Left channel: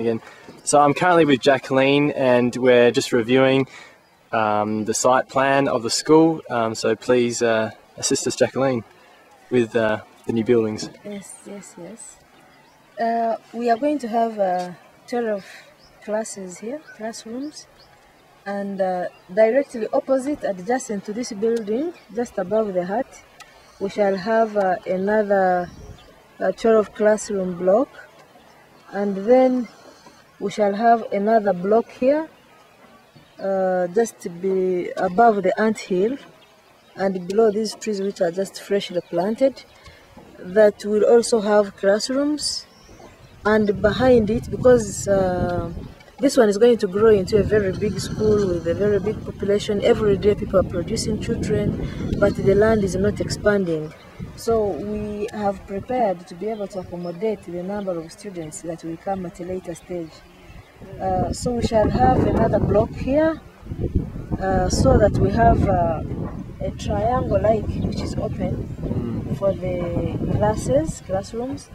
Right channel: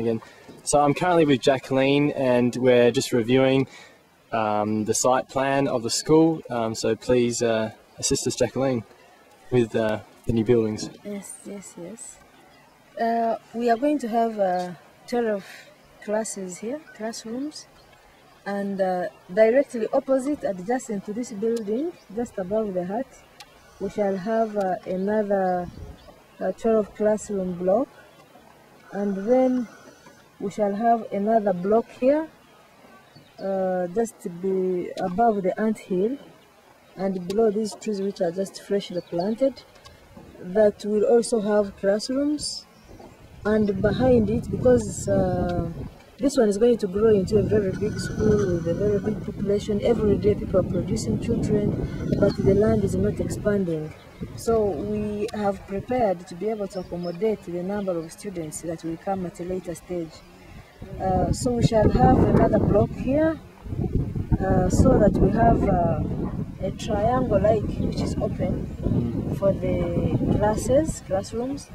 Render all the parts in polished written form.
again. So I'm currently with Jacqueline and we're just reviewing the site plan of the school. So please assist us, Jacqueline, with the new buildings. Yes. We are going to have 12 classes here, classrooms, and directly opposite, adjacent to this building, just above the hut, we shall have another 12 classroom block, and then we shall have another block here, just to be above the ant hill, and below these trees which are just freshly planted, that will also have classrooms. And behind it, because this one is going to grow into a very big school with a very big population, every day people are producing children, but the land is not expanding. So we have prepared to be able to accommodate the number of students that will come at a later stage. So we shall have another block here, so that we have a triangle which is open for the classrooms.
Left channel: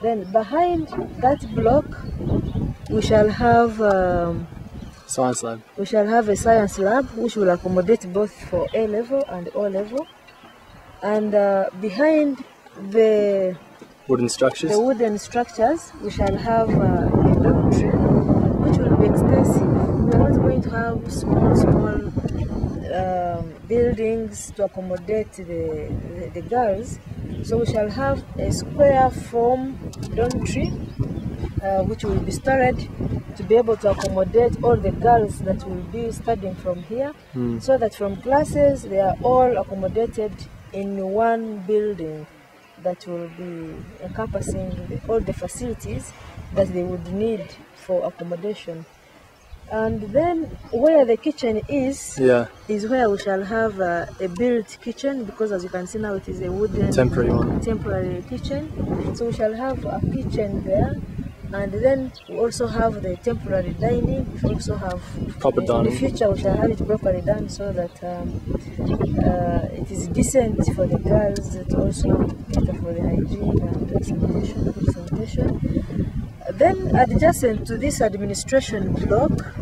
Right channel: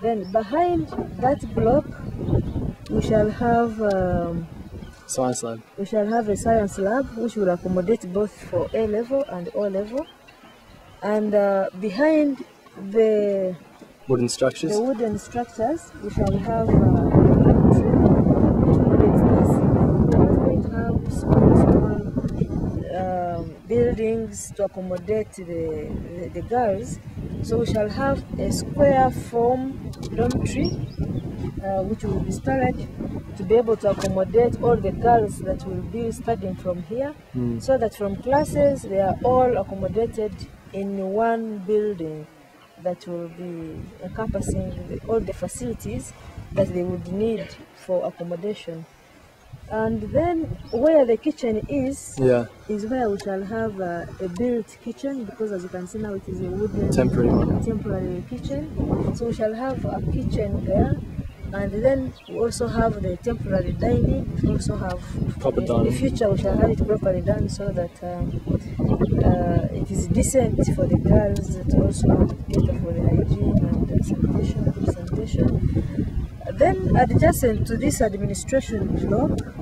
Then behind that block we shall have Science lab. We shall have a science lab which will accommodate both for A level and O level. And behind the wooden structures, we shall have a dormitory which will be extensive. We are not going to have small buildings to accommodate the girls. So we shall have a square form dormitory which will be studied to be able to accommodate all the girls that will be studying from here, so that from classes they are all accommodated in one building that will be encompassing all the facilities that they would need for accommodation. And then where the kitchen is where we shall have a built kitchen, because as you can see now it is a wooden temporary kitchen. So we shall have a kitchen there, and then we also have the temporary dining. We also have proper dining. In the future we shall have it properly done so that it is decent for the girls, to also cater for the hygiene and sanitation, good sanitation. Then adjacent to this administration block,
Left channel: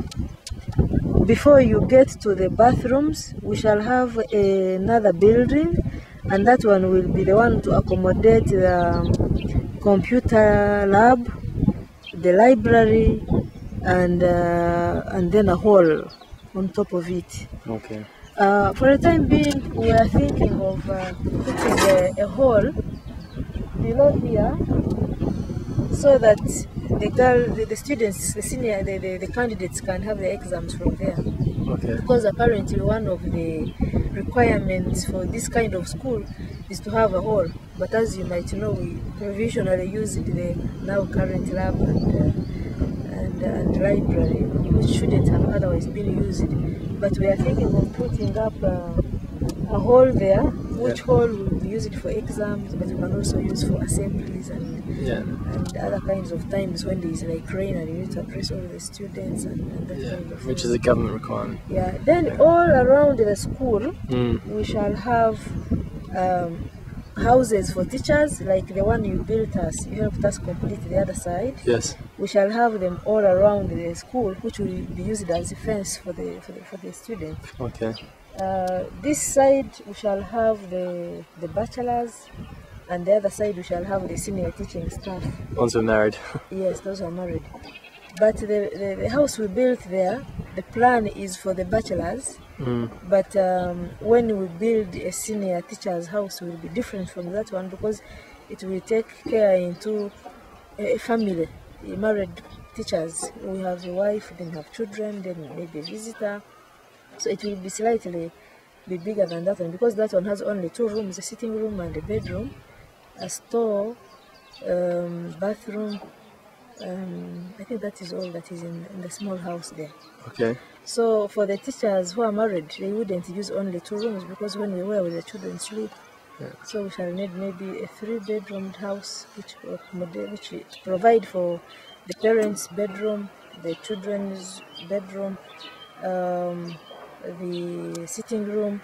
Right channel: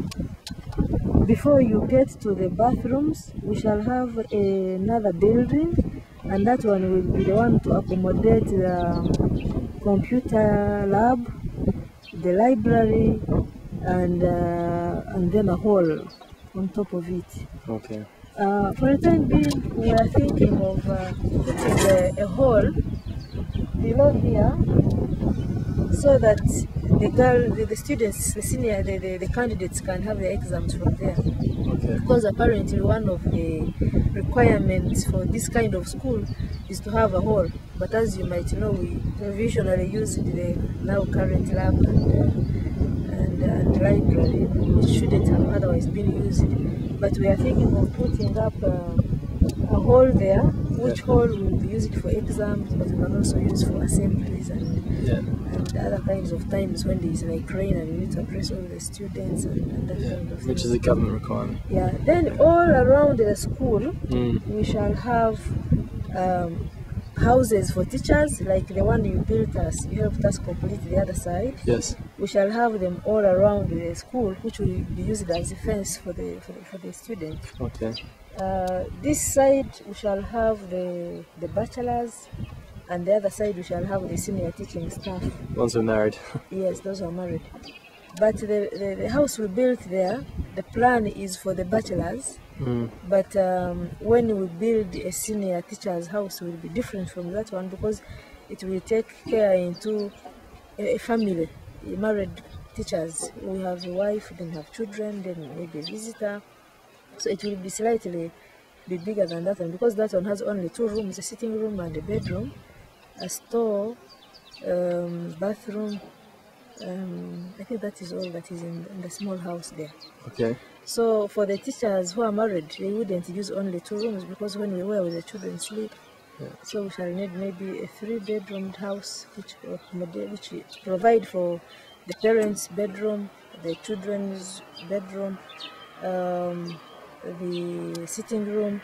before you get to the bathrooms, we shall have another building, and that one will be the one to accommodate the computer lab, the library, and then a hall on top of it. Okay. For the time being, we are thinking of putting a hall below here, so that the students, the candidates can have their exams from there. Okay. Because apparently one of the requirements for this kind of school is to have a hall. But as you might know, we provisionally used the now current lab and library, which shouldn't have otherwise been used. But we are thinking of putting up a hall there, which hall will be used for exams, but we can also use for assemblies and other kinds of times when there is like rain and you need to address all the students and that kind of which thing. is a government requirement. Then all around the school we shall have houses for teachers, like the one you helped us complete the other side. Yes. We shall have them all around the school, which will be used as a fence for the students. Okay. This side we shall have the bachelors, and the other side we shall have the senior teaching staff. Ones who are married. Yes, those are married. But the house we built there, the plan is for the bachelors. But when we build a senior teacher's house, it will be different from that one, because it will take care into a family, married teachers. We have a wife, then have children, then maybe a visitor. So it will be slightly bigger than that one, because that one has only 2 rooms, a sitting room and a bedroom, a store, bathroom. I think that is all that is in the small house there. Okay. So for the teachers who are married, they wouldn't use only 2 rooms, because when we were with the children sleep. So we shall need maybe a 3-bedroomed house, which provide for the parents' bedroom, the children's bedroom, the sitting room,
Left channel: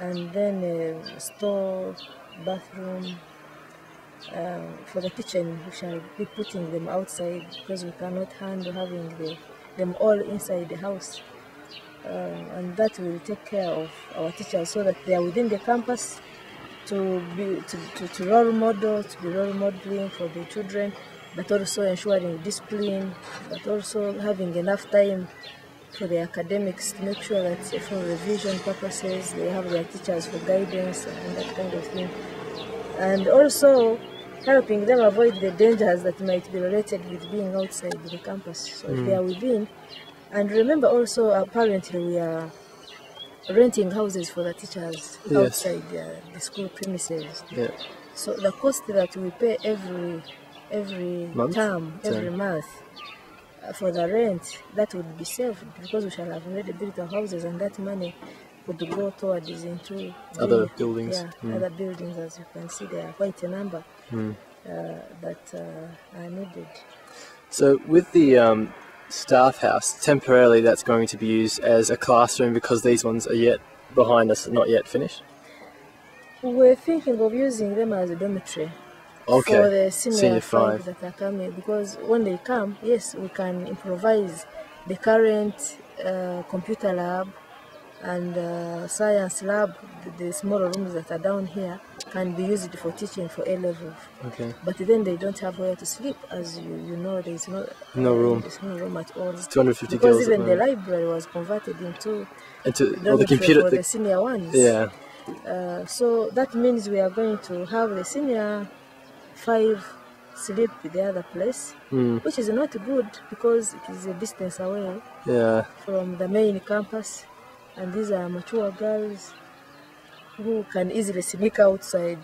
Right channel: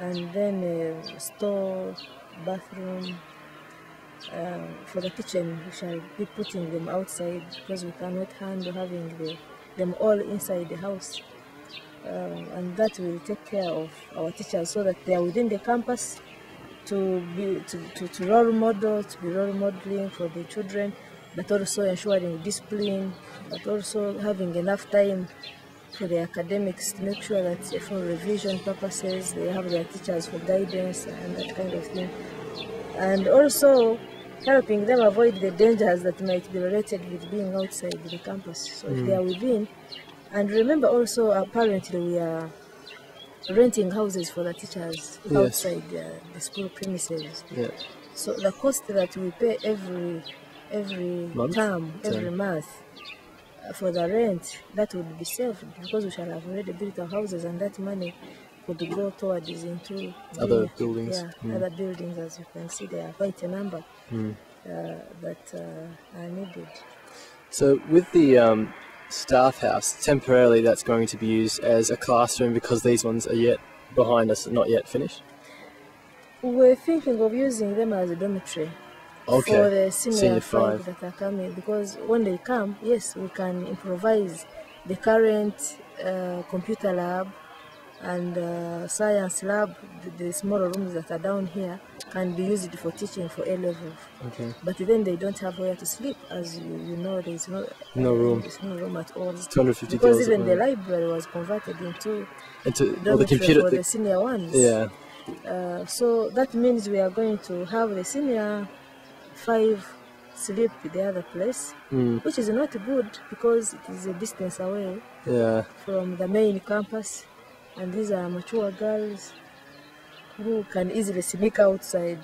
and then a store, bathroom, For the kitchen, we shall be putting them outside because we cannot handle having them all inside the house. And that will take care of our teachers so that they are within the campus to role model, to be role modeling for the children, but also ensuring discipline, but also having enough time for the academics to make sure that for revision purposes they have their teachers for guidance and that kind of thing. And also helping them avoid the dangers that might be related with being outside the campus. So if they are within, and remember also apparently we are renting houses for the teachers outside the school premises. Yeah. So the cost that we pay every Month? term, every Sorry. month for the rent, that would be saved because we shall have already built our houses, and that money could go towards into Other buildings. other buildings. As you can see, there are quite a number that are needed. So with the staff house, temporarily that's going to be used as a classroom because these ones are yet behind us, not yet finished? We're thinking of using them as a dormitory. Okay. For the senior 5 that are coming, because when they come, yes, we can improvise the current computer lab and science lab. The smaller rooms that are down here can be used for teaching for A level. Okay. But then they don't have where to sleep, as you know. There's no room. There's no room at all. It's 250 because girls. even the library was converted into the computer for the senior ones. Yeah. So that means we are going to have the senior 5 sleep in the other place, which is not good because it is a distance away from the main campus, and these are mature girls who can easily sneak outside,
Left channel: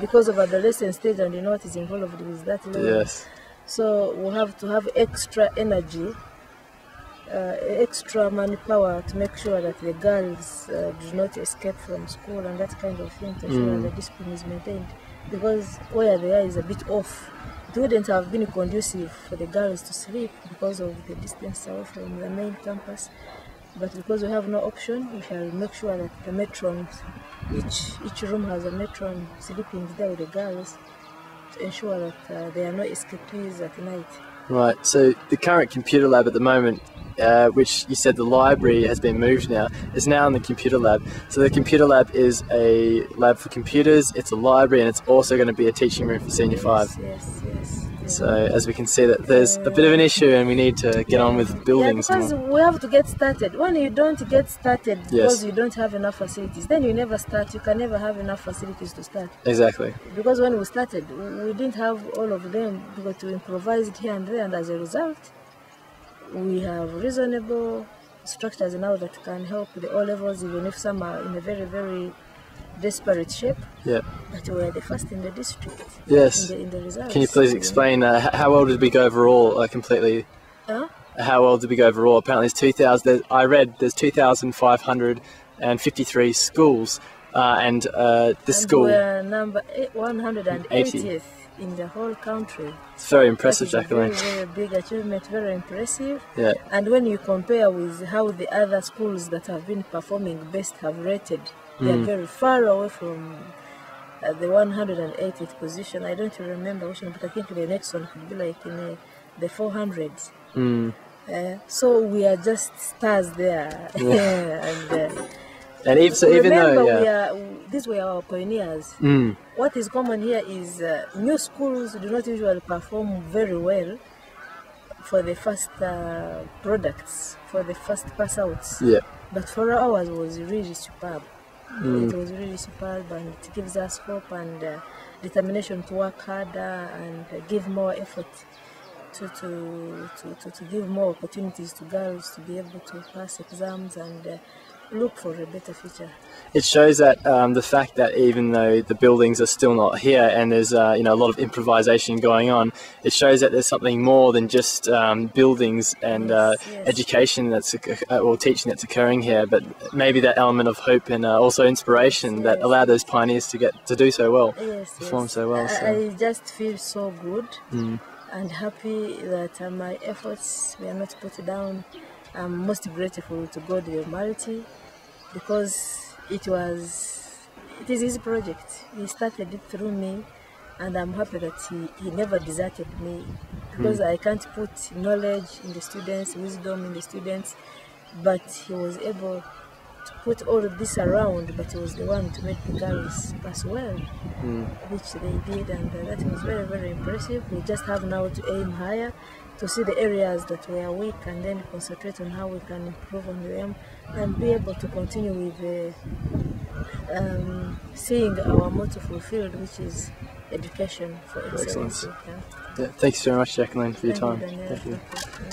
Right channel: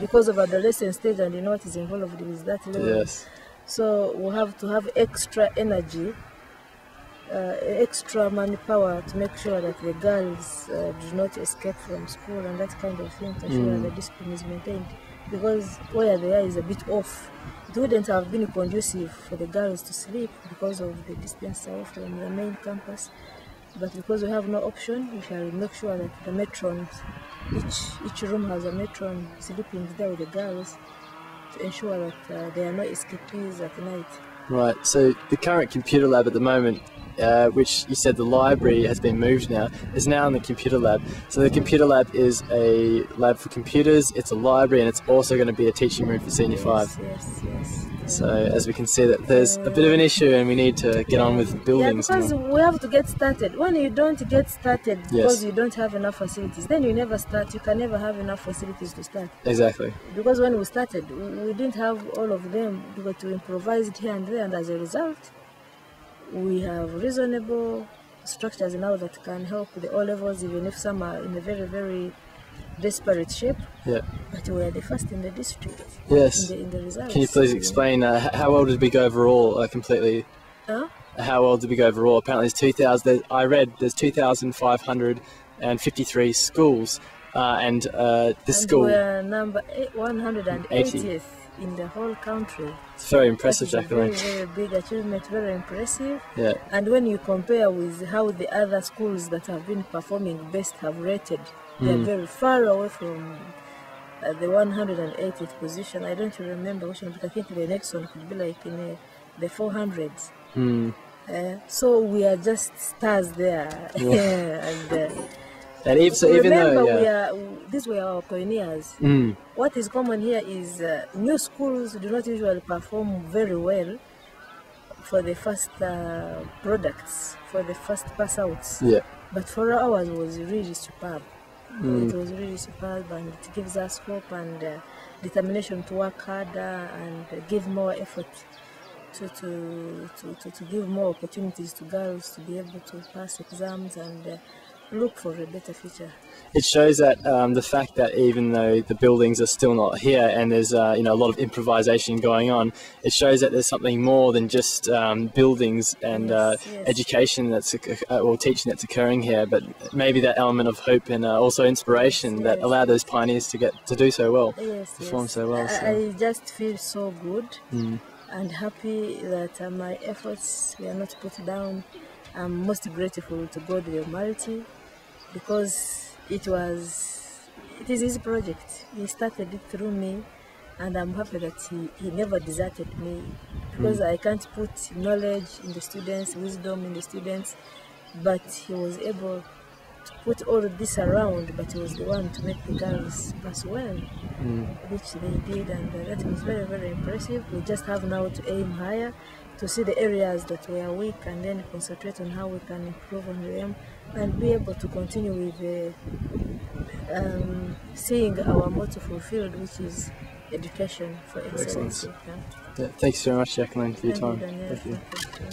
because of adolescent stage, and you know what is involved with that level. Yes. So we have to have extra energy, extra manpower to make sure that the girls do not escape from school and that kind of thing, to ensure the discipline is maintained. Because where they are is a bit off. It wouldn't have been conducive for the girls to sleep because of the distance away from the main campus. But because we have no option, we shall make sure that the matrons, each room has a matron sleeping there with the girls to ensure that there are no escapees at night. Right, so the current computer lab at the moment, which you said the library has been moved now, is now in the computer lab. So the computer lab is a lab for computers, it's a library, and it's also going to be a teaching room for Senior 5. Yes. So as we can see that there's a bit of an issue and we need to get on with buildings. Yeah, because we have to get started. When you don't get started because you don't have enough facilities, then you never start. You can never have enough facilities to start. Exactly. Because when we started, we didn't have all of them because we improvised here and there, and as a result, we have reasonable structures now that can help the O levels, even if some are in a very, very desperate shape. Yeah. But we are the first in the district. Yes. In the results. Can you please explain how well did we go overall completely? How well did we go overall? Apparently, there's 2,000. I read there's 2,553 schools, and this school. We are number 180th in the whole country. It's very impressive, Jacqueline. Very, very big achievement. Very impressive. Yeah. And when you compare with how the other schools that have been performing best have rated, they are very far away from the 180th position. I don't remember which one, but I think the next one could be like in the 400s. So we are just stars there. And even though these were our pioneers. What is common here is new schools do not usually perform very well for the first products, for the first pass outs. Yeah. But for ours was really superb. It was really superb, and it gives us hope and determination to work harder and give more effort to give more opportunities to girls to be able to pass exams and look for a better future. It shows that the fact that even though the buildings are still not here and there's a lot of improvisation going on, it shows that there's something more than just buildings and education or teaching that's occurring here, but maybe that element of hope and also inspiration that allowed those pioneers to do so well, perform so well. So. I just feel so good and happy that my efforts were not put down. I'm most grateful to God the Almighty because it is his project. He started it through me, and I'm happy that he never deserted me, because I can't put knowledge in the students, wisdom in the students, but he was able to put all of this around, but he was the one to make the girls pass well, which they did, and that was very, very impressive. We just have now to aim higher, to see the areas that were weak, and then concentrate on how we can improve on them, and be able to continue with seeing our motto fulfilled, which is education for excellence. Yeah, thanks so much, Jacqueline, for your Thank you, time. Daniel. Thank you. Thank you.